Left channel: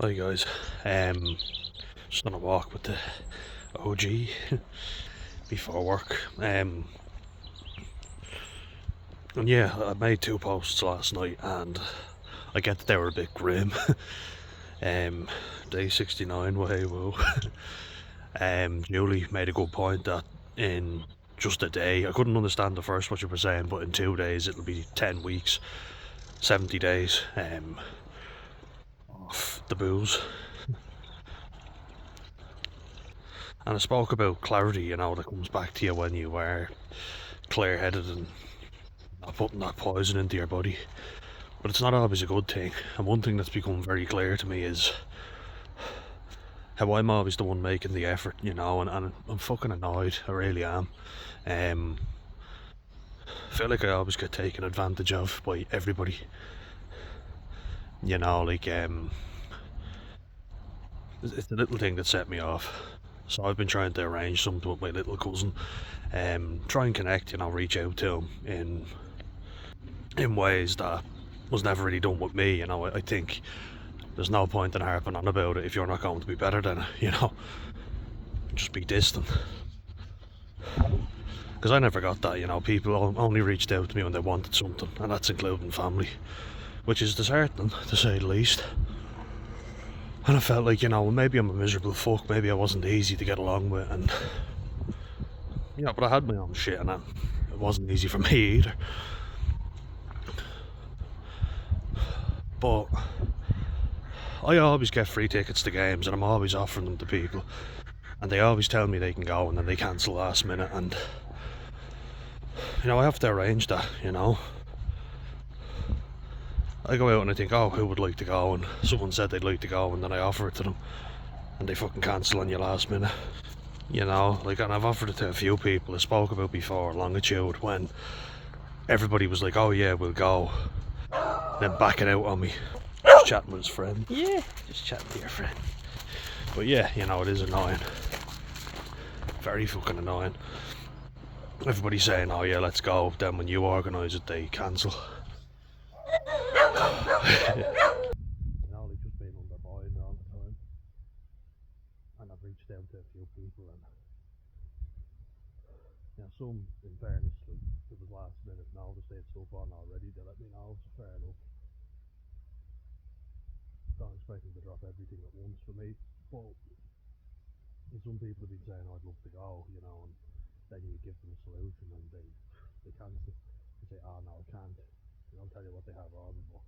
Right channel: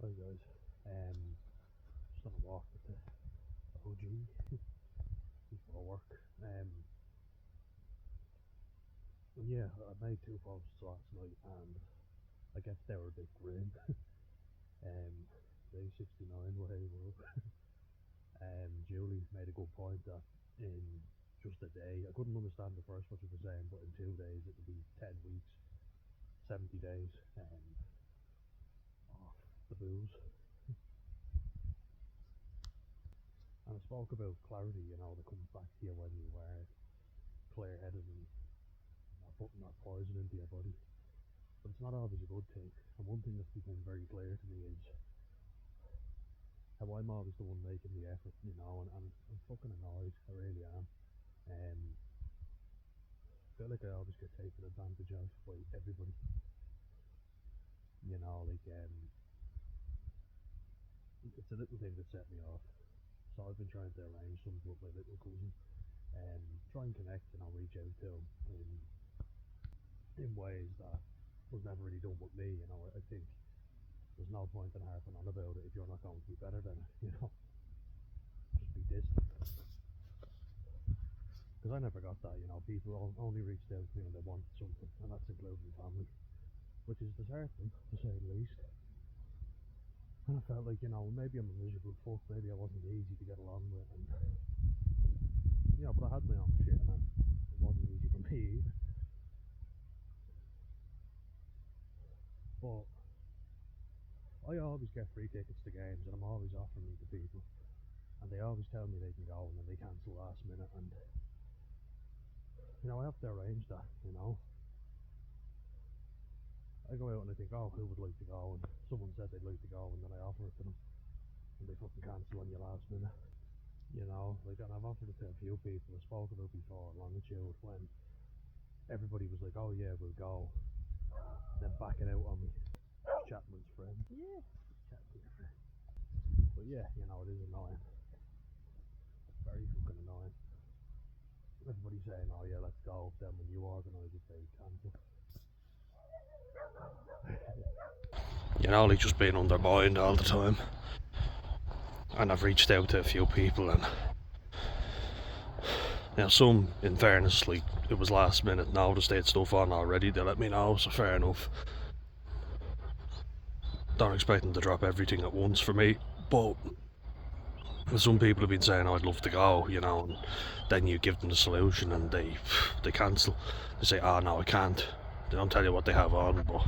Hi guys, just on a walk with the OG before work. And yeah, I made two posts last night, and I get that they were a bit grim. um, Day 69, way woo. Julie made a good point that in just a day, I couldn't understand the first what you were saying, but in 2 days it'll be 10 weeks, 70 days off the booze. And I spoke about clarity, that comes back to you when you are clear headed and not putting that poison into your body. But it's not always a good thing. And one thing that's become very clear to me is how I'm always the one making the effort, and I'm fucking annoyed. I really am. I feel like I always get taken advantage of by everybody. It's the little thing that set me off. So I've been trying to arrange something with my little cousin. Try and connect, reach out to him in ways that was never really done with me. I think there's no point in harping on about it if you're not going to be better than it. Just be distant. Because I never got that. People only reached out to me when they wanted something, and that's including family, which is disheartening to say the least. And I felt like, maybe I'm a miserable fuck, maybe I wasn't easy to get along with, and but I had my own shit, and it wasn't easy for me either. But I always get free tickets to games, and I'm always offering them to people, and they always tell me they can go, and then they cancel last minute, and I have to arrange that. I go out and I think, oh, who would like to go, and someone said they'd like to go, and then I offer it to them, and they fucking cancel on you last minute. And I've offered it to a few people. I spoke about before Longitude, when everybody was like, oh yeah, we'll go, then backing out on me. Just chatting with his friend. Yeah, just chatting to your friend. But yeah, it is annoying. Very fucking annoying. Everybody's saying, oh yeah, let's go. Then when you organise it, they cancel. Like just being undermined all the time. And I've reached out to a few people, and some, in fairness, like it was last minute, noticed they had stuff on already, they let me know, so fair enough. Don't expect them to drop everything at once for me, but some people have been saying, oh, I'd love to go, and then you give them the solution and they cancel. They say, oh no, I can't. They don't tell you what they have on, but